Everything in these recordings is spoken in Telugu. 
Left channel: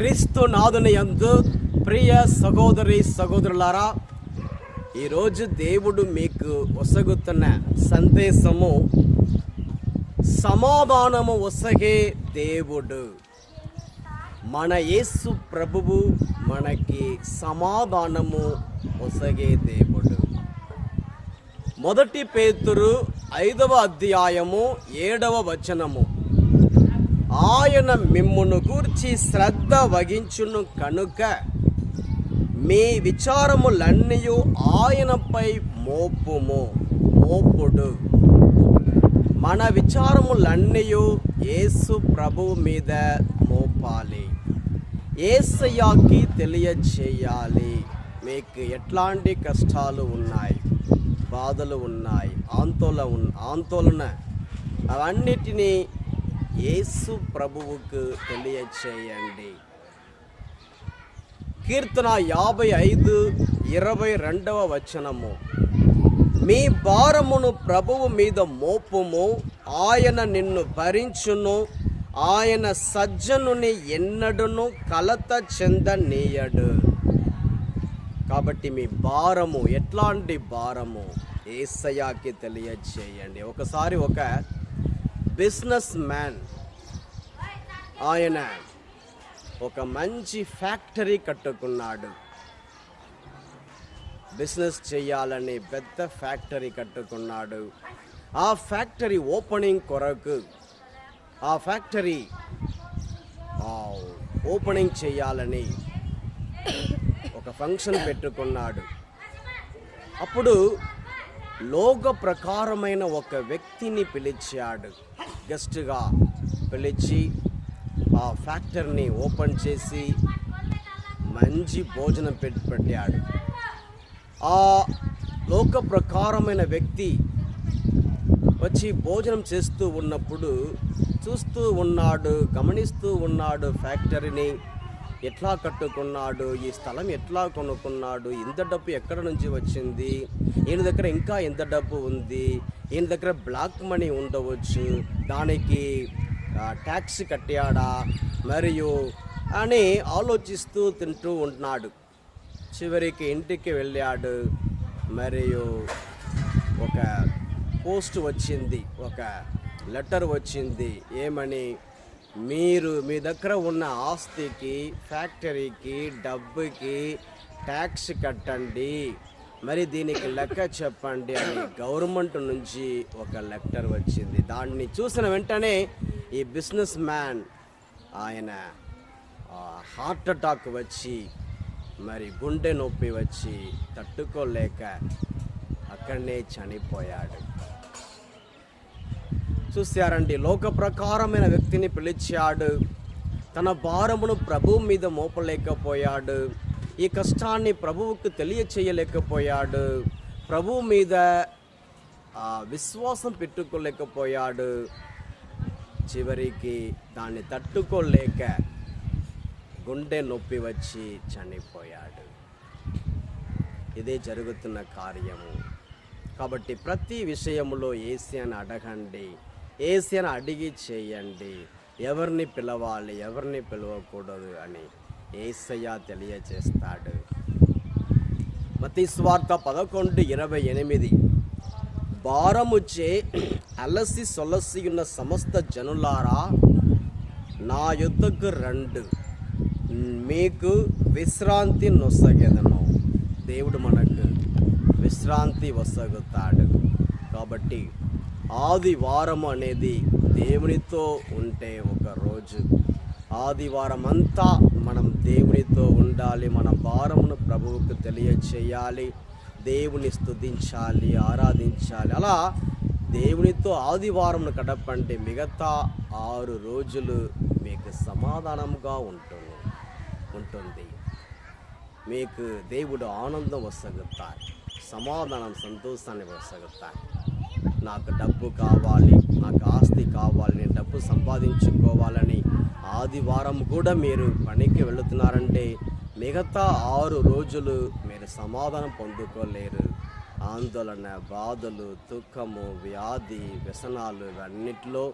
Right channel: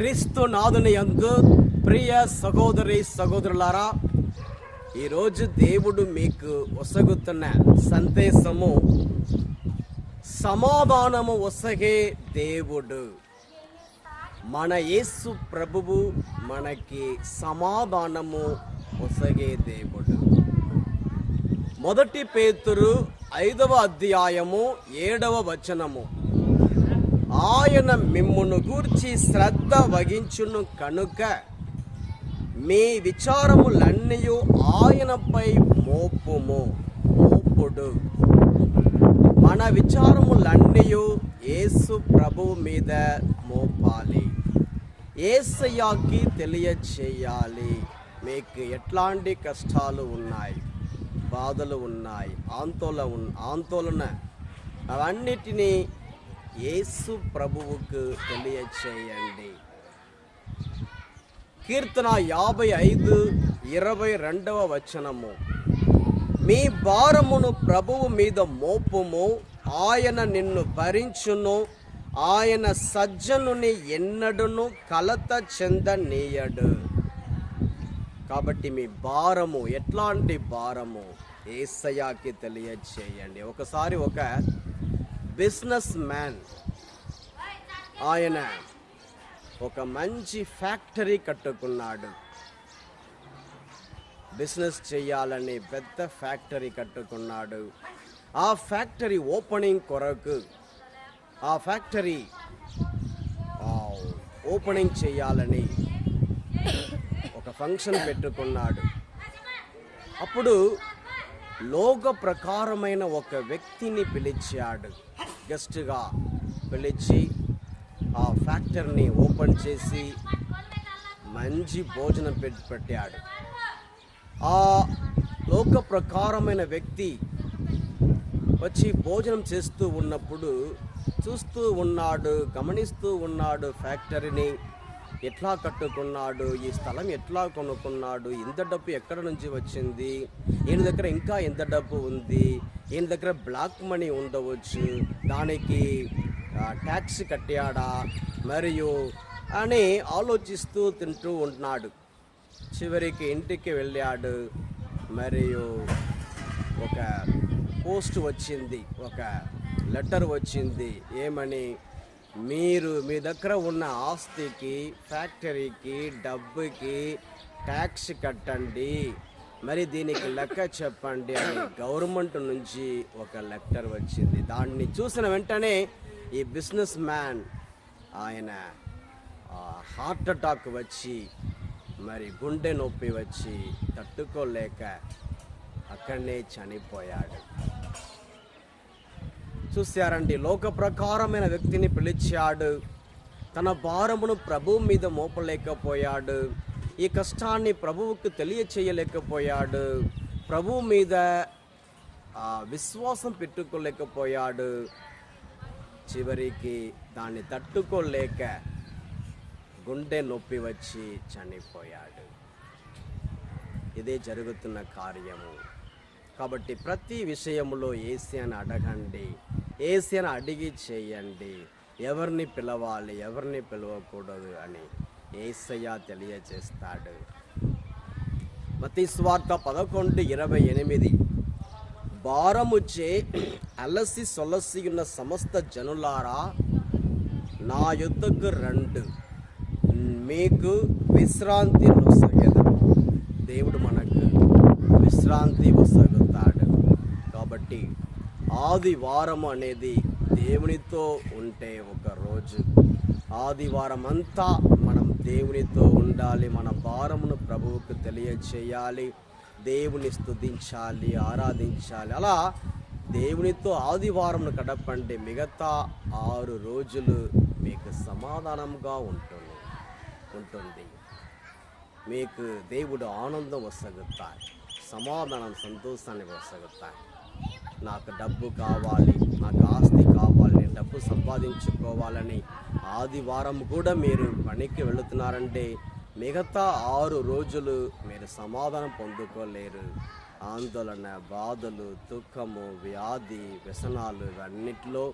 క్రీస్తు నాథుని యందు ప్రియ సహోదరి సహోదరులారా, ఈరోజు దేవుడు మీకు ఒసగుతున్న సందేశము సమాధానము ఒసగే దేవుడు. మన యేసు ప్రభువు మనకి సమాధానము ఒసగే దేవుడు. 1 పేతురు 5వ అధ్యాయము 7వ వచనము, ఆయన మిమ్మును గూర్చి శ్రద్ధ వహించును కనుక మీ విచారములన్నీయు ఆయనపై మోపుడు. మన విచారములన్నీయు యేసు ప్రభువు మీద మోపాలి, యేసయ్యకి తెలియచేయాలి. మీకు ఎట్లాంటి కష్టాలు ఉన్నాయి, బాధలు ఉన్నాయి, ఆందోళన అవన్నిటినీ యేసు ప్రభువుకు తెలియచేయండి. కీర్తన 55:22వ వచనము, మీ భారమును ప్రభువు మీద మోపుము, ఆయన నిన్ను భరించును, ఆయన సజ్జనుని ఎన్నడును కలత చెందనీయడు. కాబట్టి మీ భారము, ఎట్లాంటి భారము, యేసయ్యకి తెలియచేయండి. ఒకసారి ఒక బిజినెస్ మ్యాన్, ఆయన ఒక మంచి ఫ్యాక్టరీ కట్టుకున్నాడు. బిజినెస్ చేయాలని పెద్ద ఫ్యాక్టరీ కట్టుకున్నాడు. ఆ ఫ్యాక్టరీ ఓపెనింగ్ కొరకు, ఆ ఫ్యాక్టరీ ఓపెనింగ్ చేయాలని ఒక ఫంక్షన్ పెట్టుకున్నాడు. అప్పుడు లోక ప్రకారమైన ఒక వ్యక్తిని పిలిచాడు, గెస్ట్గా పిలిచి ఆ ఫ్యాక్టరీని ఓపెన్ చేసి మంచి భోజనం పెట్టాడు. ఆ లోక ప్రకారమైన వ్యక్తి వచ్చి భోజనం చేస్తూ ఉన్నప్పుడు చూస్తూ ఉన్నాడు, గమనిస్తూ ఉన్నాడు ఫ్యాక్టరీని ఎట్లా కట్టుకున్నాడు, ఈ స్థలం ఎట్లా కొనుక్కున్నాడు, ఇంత డబ్బు ఎక్కడ నుంచి వచ్చింది, ఈయన దగ్గర ఇంకా ఎంత డబ్బు ఉంది, ఈయన దగ్గర బ్లాక్ మనీ ఉండవచ్చు, దానికి ట్యాక్స్ కట్టాడా మరియు అని ఆలోచిస్తూ తింటూ ఉంటున్నాడు. చివరికి ఇంటికి వెళ్ళాడు. మరియు ఒక పోస్ట్ వచ్చింది, ఒక లెటర్ వచ్చింది. ఏమని? మీరు మీ దగ్గర ఉన్న ఆస్తికి, ఫ్యాక్టరీకి, డబ్బుకి ట్యాక్స్ కట్టండి, మరి దీనికి లెక్క చెప్పండి అని గవర్నమెంట్ నుంచి ఒక లెటర్ వచ్చింది. దాన్ని చూసిన వెంటనే ఈ బిజినెస్ మ్యాన్, ఆయన హార్ట్ అటాక్ వచ్చి, మరి గుండె నొప్పి వచ్చి తట్టుకోలేక అక్కడనే చనిపోయాడు. చూశారండి, లోక ప్రకారమైన వ్యక్తిని పిలిచాడు, తన భారమును ప్రభువు మీద మోపలేకపోయాడు, ఈ కష్టాన్ని ప్రభువుకు తెలియచేయలేకపోయాడు, ప్రభువు మీద విశ్వాసం పెట్టుకోలేకపోయాడు. చివరికి దాన్ని తట్టుకోలేక గుండె నొప్పి వచ్చి చనిపోయాడు. ఇదే జరుగుతున్న కార్యము. కాబట్టి ప్రతి విషయంలో యేసయ్యను అడగండి, యేసయ్యను అడిగి చేయండి. ఎవరిని పిలవాలి, ఎవరిని పిలవకూడదు అని యేసయ్య తెలియచేస్తాడు. మత్తయి సువార్త 11:28, భారముచే అలసి సొలసి ఉన్న సమస్త జనులారా నా యొద్దకు రండు, మీకు విశ్రాంతి నొసగెదను. దేవుడు మనకు విశ్రాంతి వసగుతాడు. కాబట్టి ఆదివారం అనేది దేవునితో ఉంటే ఒక రోజు, ఆదివారం అంతా మనం దేవునితో ఉండాలి. మన భారమును ప్రభువుకు తెలియచేయాలి, దేవుని స్తుతించాలి, ఆరాధించాలి. అలా దేవునితో ఆదివారంను గడపండి. మిగతా 6 రోజులు మీకు సమాధానంగా ఉంటుంది. మీకు దేవుడు ఆనందం వసగుతాడు, సమాధానం, సంతోషాన్ని వసగుతాడు. నాకు డబ్బు కావాలి, నాకు ఆస్తి కావాలి, నేను డబ్బు సంపాదించుకోవాలని ఆదివారం కూడా మీరు పనికి వెళుతున్నారంటే మిగతా 6 రోజులు మీరు సమాధానం పొందుకోలేరు. ఆందోళన, బాధలు, దుఃఖము, వ్యాధి, వ్యసనాలు ఇవన్నిటిలో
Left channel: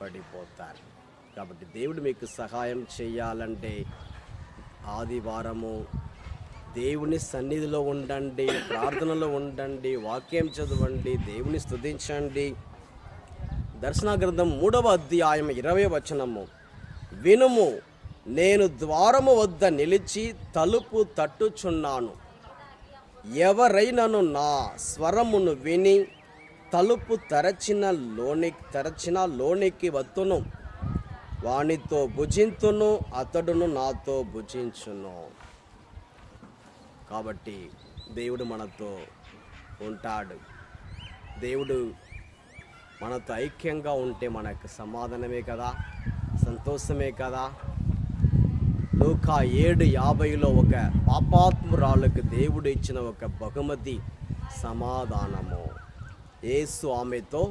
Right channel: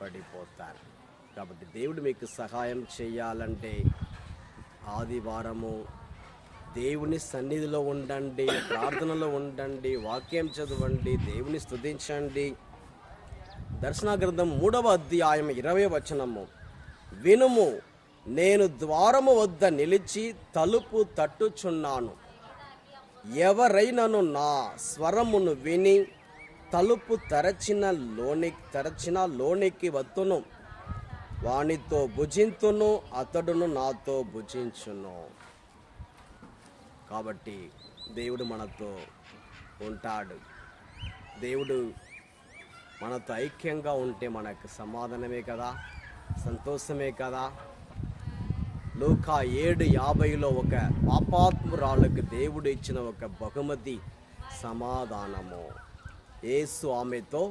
పడిపోతారు. కాబట్టి దేవుడు మీకు సహాయం చేయాలంటే ఆదివారము దేవుని సన్నిధిలో ఉండండి, ప్రార్థనలో ఉండండి, వాక్యం చదవండి, దేవుని స్తుతించండి. దర్శన గ్రంథం 3వ అధ్యాయం 20వ వచనము, వినుము, నేను ద్వారము వద్ద నిలిచి తలుపు తట్టుచున్నాను. ఎవరైనను నా స్వరమును విని తలుపు తెరచిన లోనికి వత్తును, వానితో భుజింతును, అతడును నాతో భుజించును. కాబట్టి దేవుడు మనతో ఉంటాడు. దేవుడు మనతో ఐక్యంగా ఉంటే మనకు సమాధానమే కదా, సంతోషమే కదా. లూకా 7:50లో ఒక పాపాత్మురాలకు దేవుడు ఇచ్చిన ఒక బహుమతి సమాధానము. యేసు ఆమెతో,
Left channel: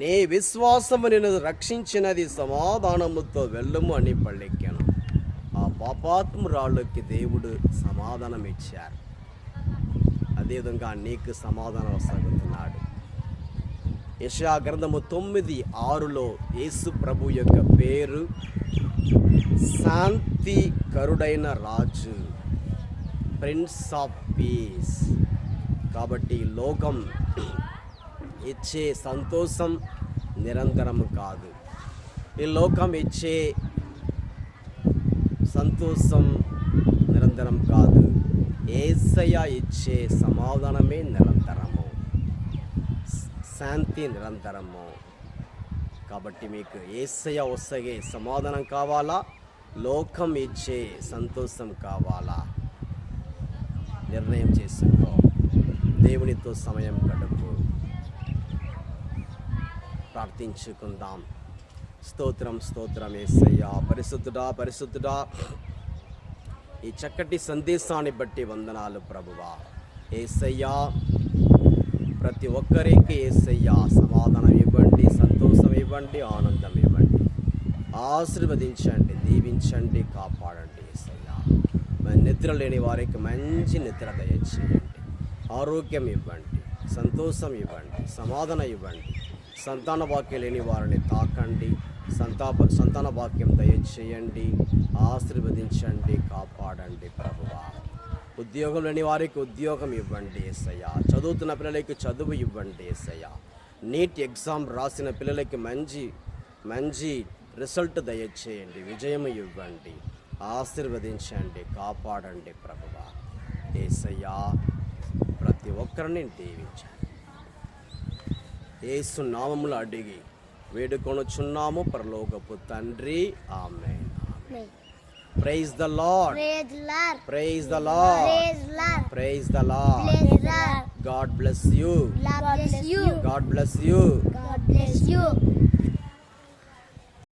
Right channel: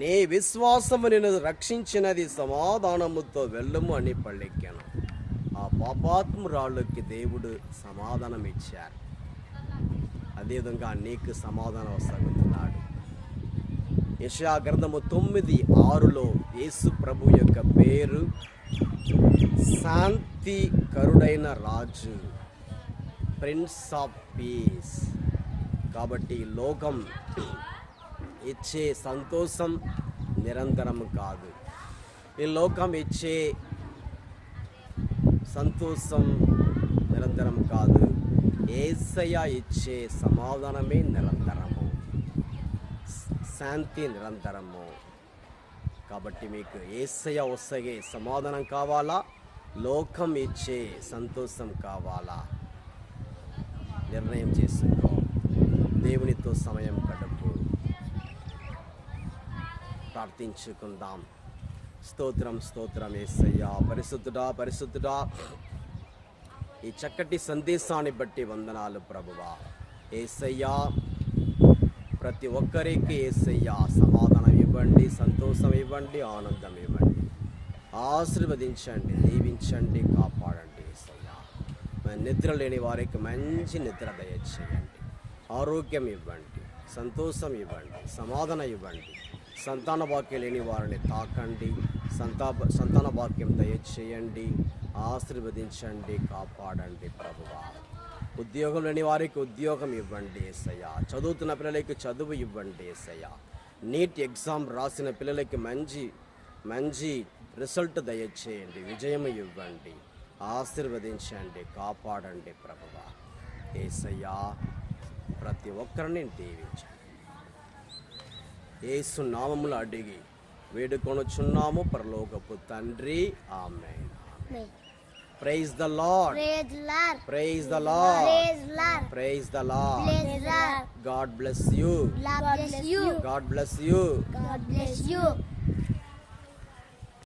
నీ విశ్వాసము నిన్ను రక్షించినది, సమాధానముతో వెళ్ళుము అని పలికెను. ఆ పాపాత్మురాళ్ళకి దేవుడు సమాధానం ఇచ్చారు. అదేవిధంగా నీకు సమాధానం వస్తున్నాడు. యెషయా గ్రంథము 9:6లో యేసు ప్రభు యొక్క పేరు శాంతి కరుడైన రాజు, ప్రిన్స్ ఆఫ్ పీస్. కాబట్టి లోకం ఇచ్చే సంతోషం నిరంతరం కాదు, ఈ లోకం ఇచ్చే సంతోషం నిరంతరం కాదు, యేసయ్య ఇచ్చే సమాధానమే నిరంతరము, శాంతి నిరంతరము. కాబట్టి మీకు యేసయ్య వస్తే సమాధానం కావాలా, లోకం ఇచ్చే సంతోషం కావాలా? నిర్ణయం చేసుకో. దేవునితో సమయం గడుపు. ప్రార్థించుకుందాం. స్తోత్రం స్తోత్రం యేసయ్యా, పరిశుద్ధుడా పరిశుద్ధుడా, ఈ చక్కటి సందేశాన్ని బట్టి వందనాలు ప్రభువా. యేసయ్యా, ప్రతి ఒక్కరికి యేసయ్యా సమాధానం ఇవ్వండి, సంతోషం ఇవ్వండి, ఆనందం ఇవ్వండి, ఆశీర్వదించండి, దీవించండి, కాపాడండి. యేసయ్యా, నిద్ర లేని వారికి మంచి నిద్ర దయచేయండి, ఆరోగ్యం ఇవ్వండి, సంతోషం ఇవ్వండి, సమాధానం ఇవ్వండి. సంతాన భాగ్యం లేని వారిని తాకండి, సంతాన భాగ్యం దయచేయండి, ఆశీర్వదించండి, కాపాడండి ప్రభువా. ఉద్యోగం లేని వారికి ఉద్యోగం ఇవ్వండి యేసయ్యా. చదువుతున్న పిల్లలకి చదువు ఇవ్వండి యేసయ్యా. నీట్ ఎగ్జామ్ రాసిన పిల్లలకి మంచి రిజల్ట్ దయచేయండి, విజయం ఇవ్వండి, ఆశీర్వదించండి, కాపాడండి ప్రభువా. యేసయ్యా, ప్రతి ఒక్కరిని దీవించండి. యేసు నామములో అడిగి వేడుకొనుచున్నాము పరలోకపు తండ్రి, ఆమేన్. Praise the Lord. Praise the Lord. Praise the Lord. Praise the Lord. Praise the Lord. Praise the Lord. God bless you. God bless you. God bless you. God bless you.